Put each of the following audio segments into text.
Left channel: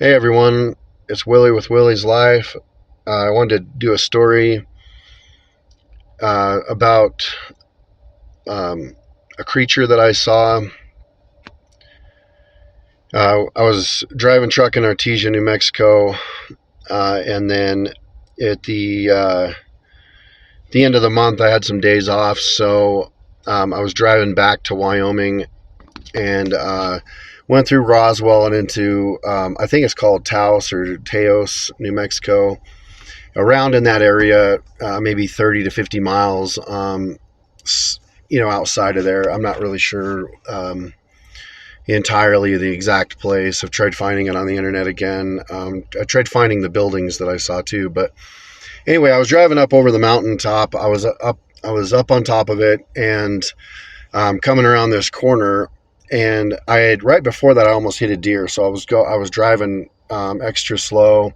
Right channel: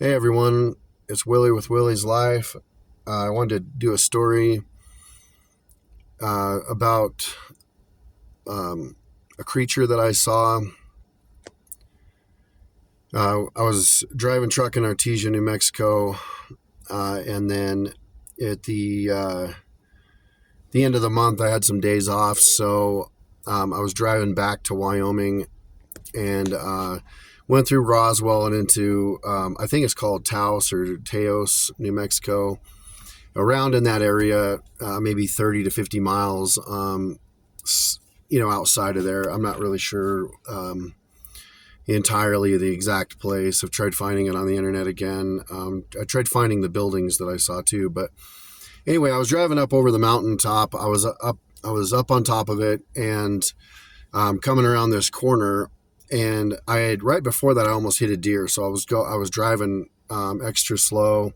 Hey everyone, it's Willie with Willie's Life. I wanted to do a story about a creature that I saw. I was driving truck in Artesia, New Mexico, and then at the end of the month, I had some days off, so I was driving back to Wyoming and went through Roswell and into I think it's called Taos or Teos, New Mexico, around in that area, maybe 30 to 50 miles, outside of there. I'm not really sure entirely the exact place. I've tried finding it on the internet again. I tried finding the buildings that I saw too. But anyway, I was driving up over the mountaintop. I was up on top of it and coming around this corner. And I had right before that, I almost hit a deer. So I was driving extra slow.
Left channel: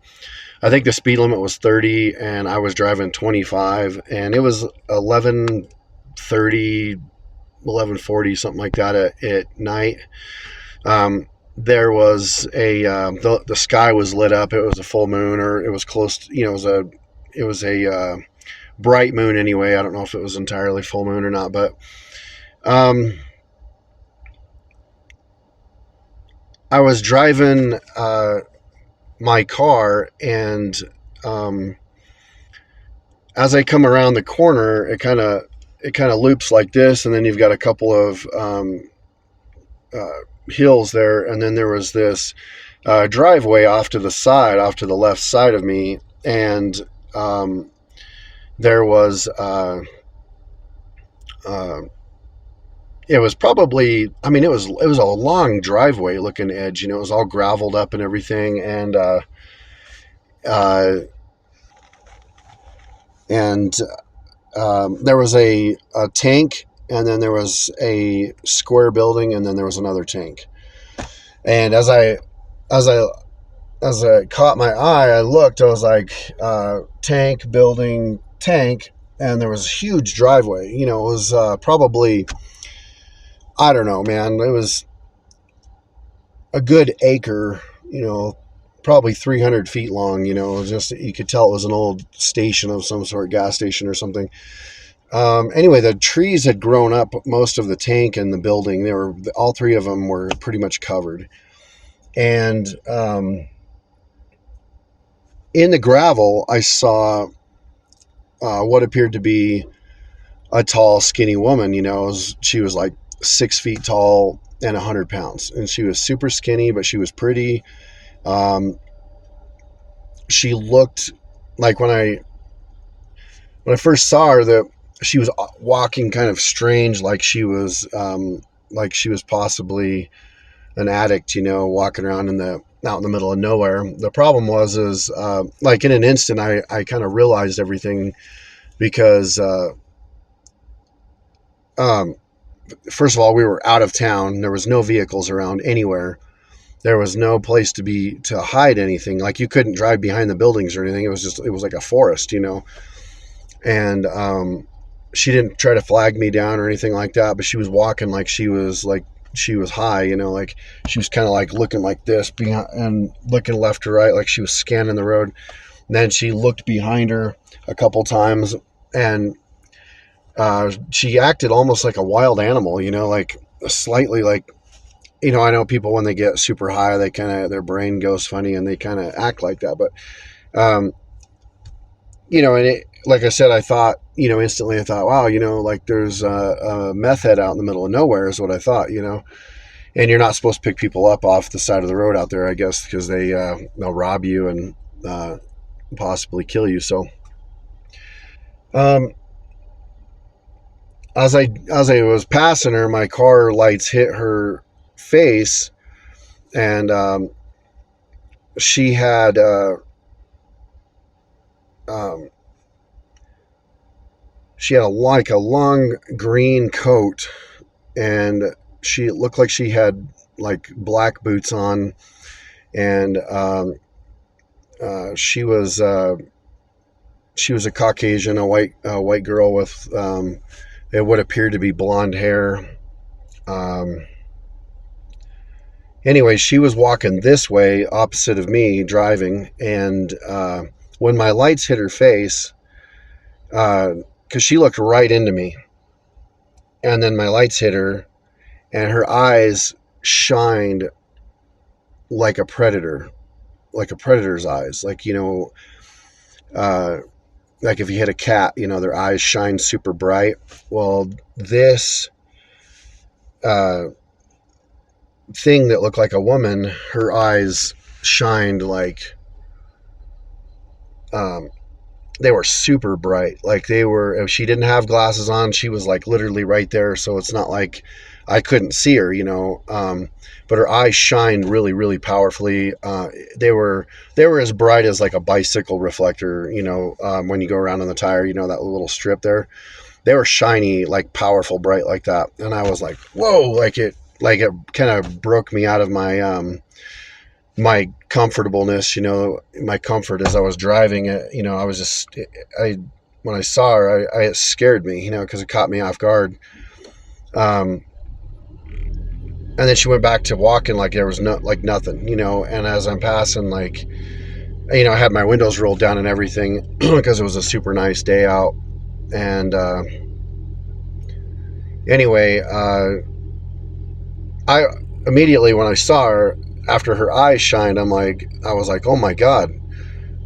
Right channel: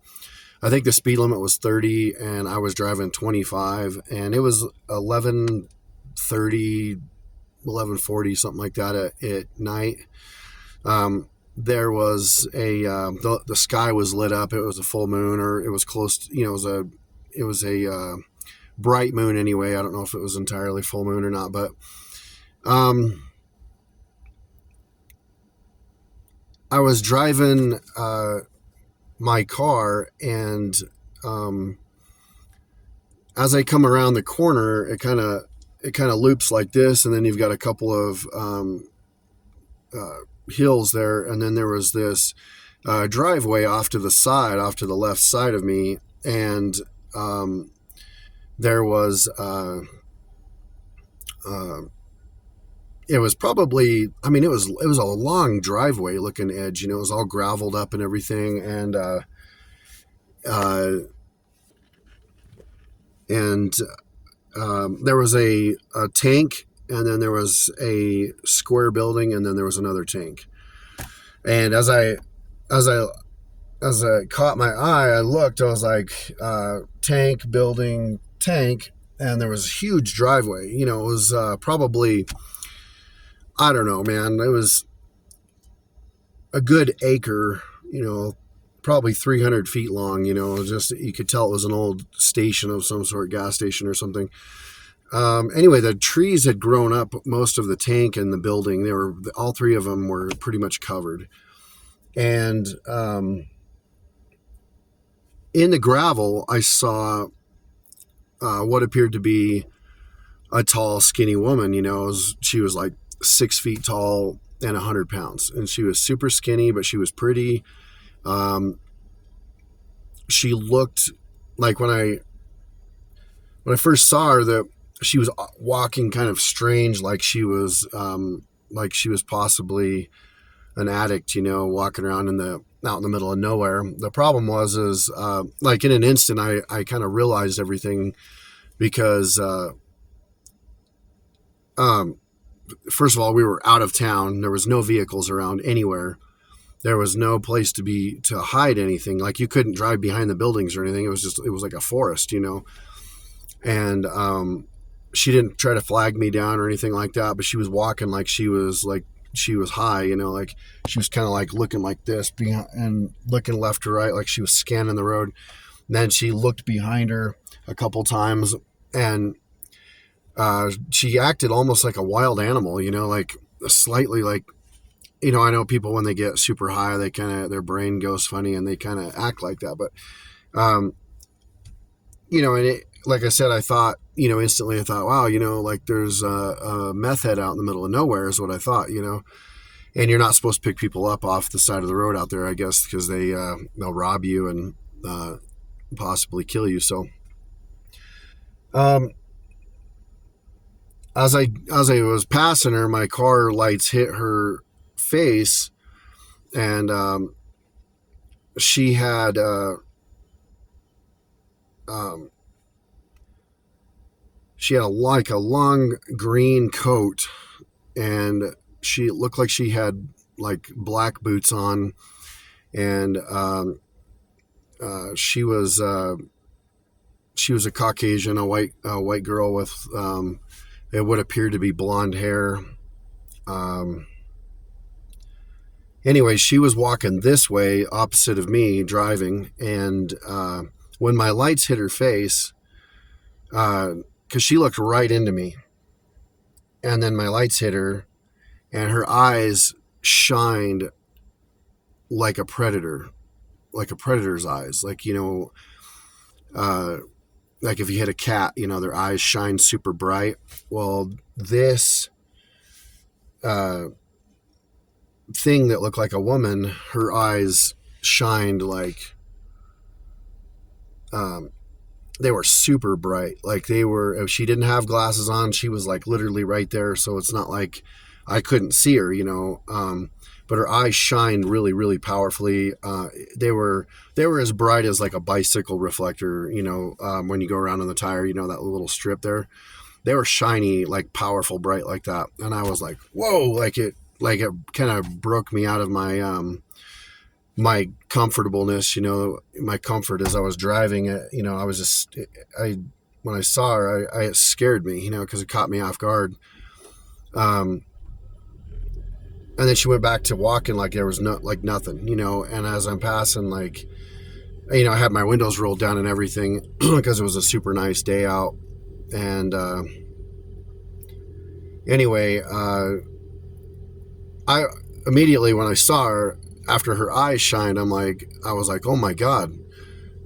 I think the speed limit was 30 and I was driving 25, and it was 11:30, 11:40, something like that at night. There was the sky was lit up. It was a full moon, or it was close to, it was a bright moon anyway. I don't know if it was entirely full moon or not, but um, I was driving my car, and um, as I come around the corner, it kind of loops like this, and then you've got a couple of hills there, and then there was this driveway off to the side, off to the left side of me, and there was uh, it was probably, I mean, it was a long driveway looking edge, it was all graveled up and everything, uh, and there was a tank, and then there was a square building, and then there was another tank. And as I as it caught my eye, I looked. I was like, tank, building, tank, and there was a huge driveway. It was probably, I don't know, man. It was a good acre. Probably 300 feet long. It was just, you could tell it was an old station of some sort, gas station or something. Anyway, the trees had grown up most of the tank and the building. They were all three of them were pretty much covered, and in the gravel, I saw what appeared to be a tall, skinny woman. She was like 6 feet tall and 100 pounds, and she was super skinny, but she was pretty. Um, she looked like when I first saw her, that she was walking kind of strange, like she was possibly an addict, walking around out in the middle of nowhere. The problem was is like in an instant, I kind of realized everything because um, first of all, we were out of town. There was no vehicles around anywhere. There was no place to hide anything. Like, you couldn't drive behind the buildings or anything. It was like a forest, And she didn't try to flag me down or anything like that, but she was walking like she was high, like she was kind of like looking like this behind and looking left to right, like she was scanning the road. And then she looked behind her a couple times, and she acted almost like a wild animal, like slightly like, I know people when they get super high, they kind of, their brain goes funny and they kind of act like that. But, um, and like I said, I thought, instantly I thought, wow, like there's a meth head out in the middle of nowhere is what I thought, and you're not supposed to pick people up off the side of the road out there, I guess, because they'll rob you and possibly kill you. So, um, as I was passing her, my car lights hit her face, and she had um, she had like a long green coat, and she looked like she had like black boots on, and she was a Caucasian, a white girl with it would appear to be blonde hair. Um, Anyway, she was walking this way, opposite of me, driving, and when my lights hit her face, because she looked right into me, and then my lights hit her, and her eyes shined like a predator, like a predator's eyes, like, like if you hit a cat, their eyes shine super bright. Well, this thing that looked like a woman, her eyes shined like they were super bright. Like they were, if she didn't have glasses on, she was like literally right there. So it's not like I couldn't see her, but her eyes shined really, really powerfully. They were as bright as like a bicycle reflector, when you go around on the tire, that little strip there. They were shiny, like powerful, bright like that. And I was like, whoa, like it kind of broke me out of my my comfortableness, my comfort as I was driving it. I was just, when I saw her, it scared me, because it caught me off guard. And then she went back to walking like there was nothing, and as I'm passing, like, I had my windows rolled down and everything because it was a super nice day out. And anyway, I immediately, when I saw her, after her eyes shined, I was like, oh my God,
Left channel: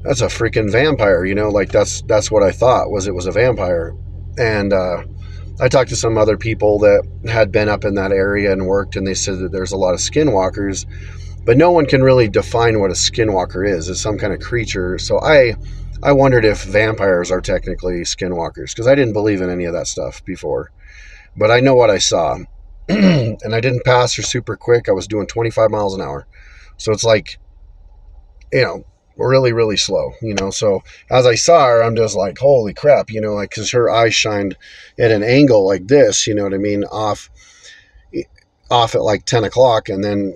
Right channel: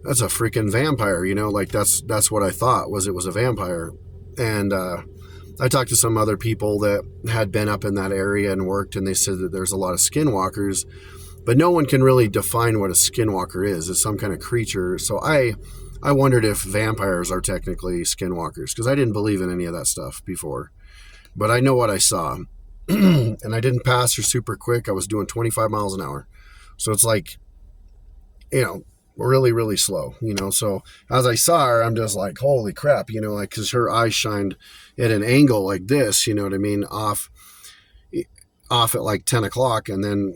that's a freaking vampire, like that's what I thought it was a vampire. And I talked to some other people that had been up in that area and worked, and they said that there's a lot of skinwalkers, but no one can really define what a skinwalker is. It's some kind of creature. So I wondered if vampires are technically skinwalkers, because I didn't believe in any of that stuff before, but I know what I saw. And I didn't pass her super quick. I was doing 25 miles an hour. So it's like, really, really slow, So as I saw her, I'm just like, holy crap, like, because her eyes shined at an angle like this, you know what I mean? Off at like 10 o'clock. And then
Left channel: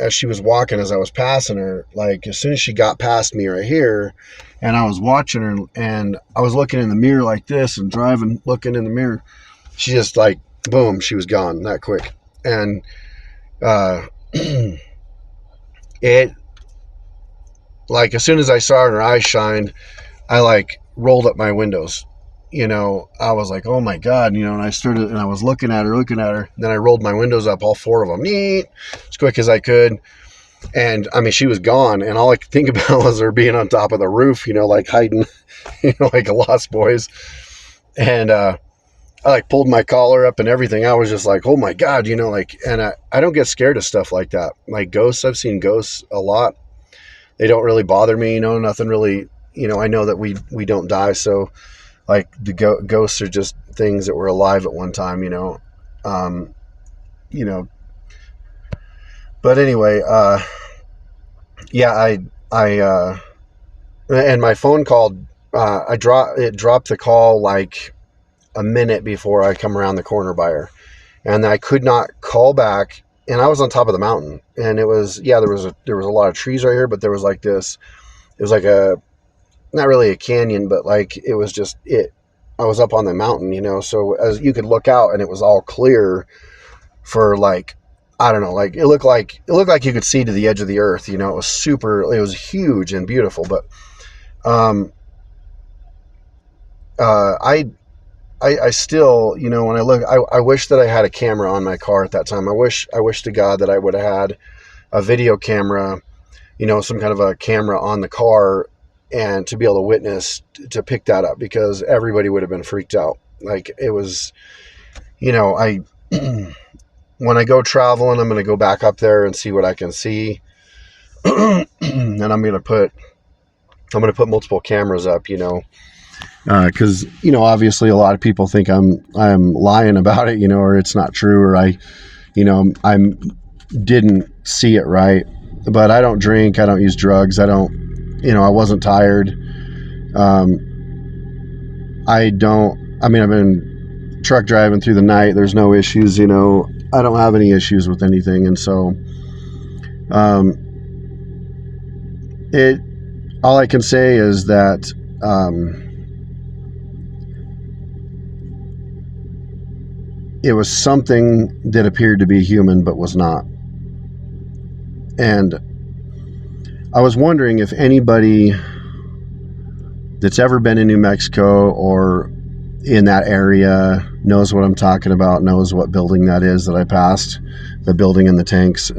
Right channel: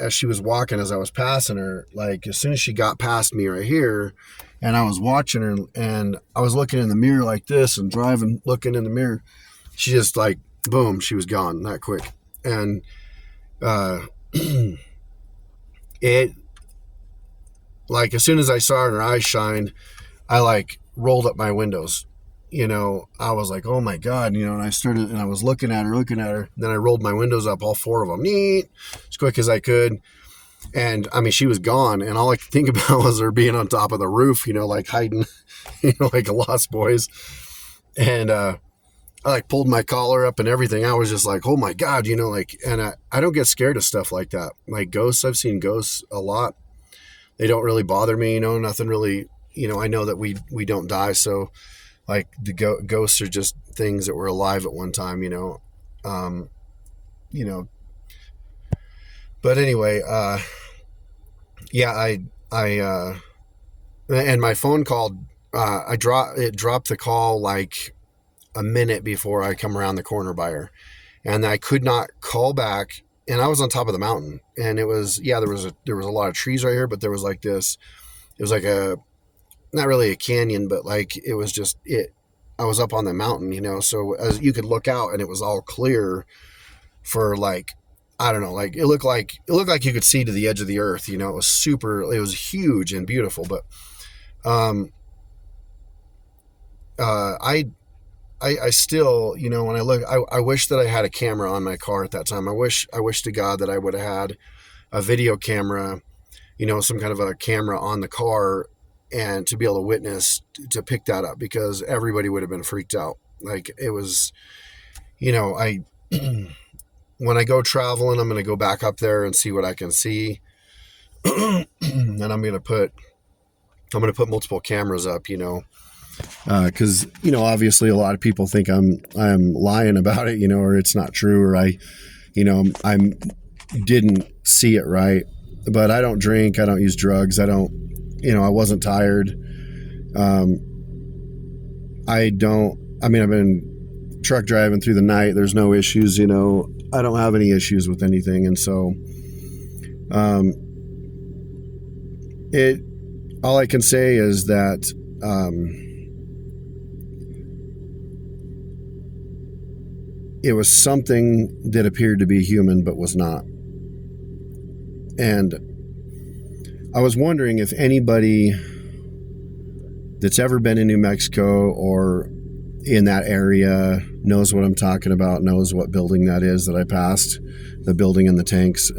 as she was walking, as I was passing her, like as soon as she got past me right here, and I was watching her, and I was looking in the mirror like this and driving, looking in the mirror, she just like, boom, she was gone that quick. And it, like, as soon as I saw her and her eyes shined, I like rolled up my windows, I was like, oh my God, and I was looking at her, then I rolled my windows up, all four of them, as quick as I could. And I mean, she was gone, and all I could think about was her being on top of the roof, like hiding, like a Lost Boys. And I like pulled my collar up and everything. I was just like, oh my God, and I don't get scared of stuff like that. Like ghosts, I've seen ghosts a lot. They don't really bother me, nothing really, I know that we don't die. So like the ghosts are just things that were alive at one time, but anyway, yeah, I and my phone called, it dropped the call like a minute before I come around the corner by her, and I could not call back. And I was on top of the mountain, and it was, there was a lot of trees right here, but there was like this, it was like not really a canyon, but like, it was just I was up on the mountain, so as you could look out and it was all clear for like, I don't know, like it looked like you could see to the edge of the earth, it was huge and beautiful. But I still, when I look, I wish that I had a camera on my car at that time. I wish to God that I would have had a video camera, some kind of a camera on the car, and to be able to witness, to pick that up, because everybody would have been freaked out. Like it was, when I go traveling, I'm going to go back up there and see what I can see. And I'm going to put multiple cameras up, because obviously a lot of people think I'm lying about it, or it's not true, or I didn't see it right. But I don't drink, I don't use drugs, I wasn't tired. I've been truck driving through the night. There's no issues, I don't have any issues with anything. And so all I can say is that it was something that appeared to be human but was not. And I was wondering if anybody that's ever been in New Mexico or in that area knows what I'm talking about, knows what building that is that I passed, the building in the tanks.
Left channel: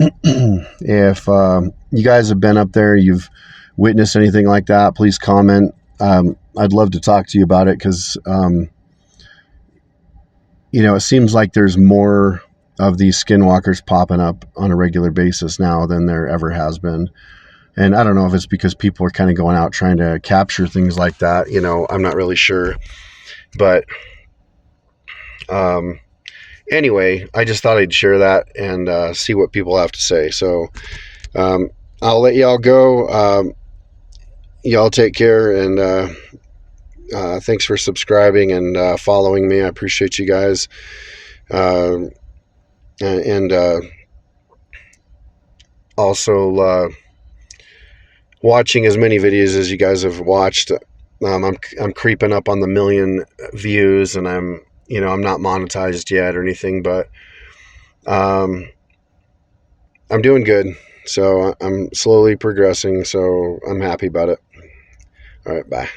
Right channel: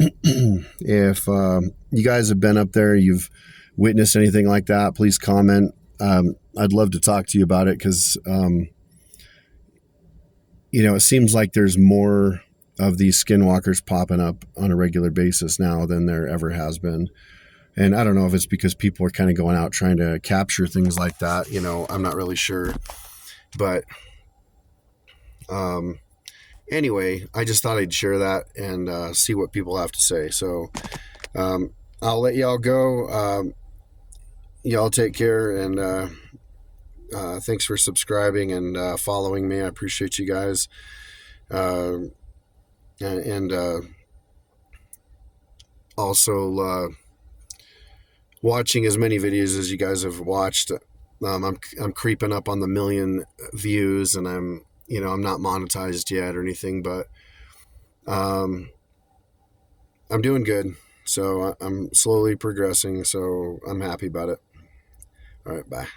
If you guys have been up there, you've witnessed anything like that, please comment. I'd love to talk to you about it because, it seems like there's more of these skinwalkers popping up on a regular basis now than there ever has been. And I don't know if it's because people are kind of going out trying to capture things like that. I'm not really sure. But anyway, I just thought I'd share that and see what people have to say. So I'll let y'all go. Y'all take care, and thanks for subscribing and following me. I appreciate you guys. And also watching as many videos as you guys have watched. I'm creeping up on the 1 million views, and I'm not monetized yet or anything, but I'm doing good. So I'm slowly progressing, so I'm happy about it. All right, bye.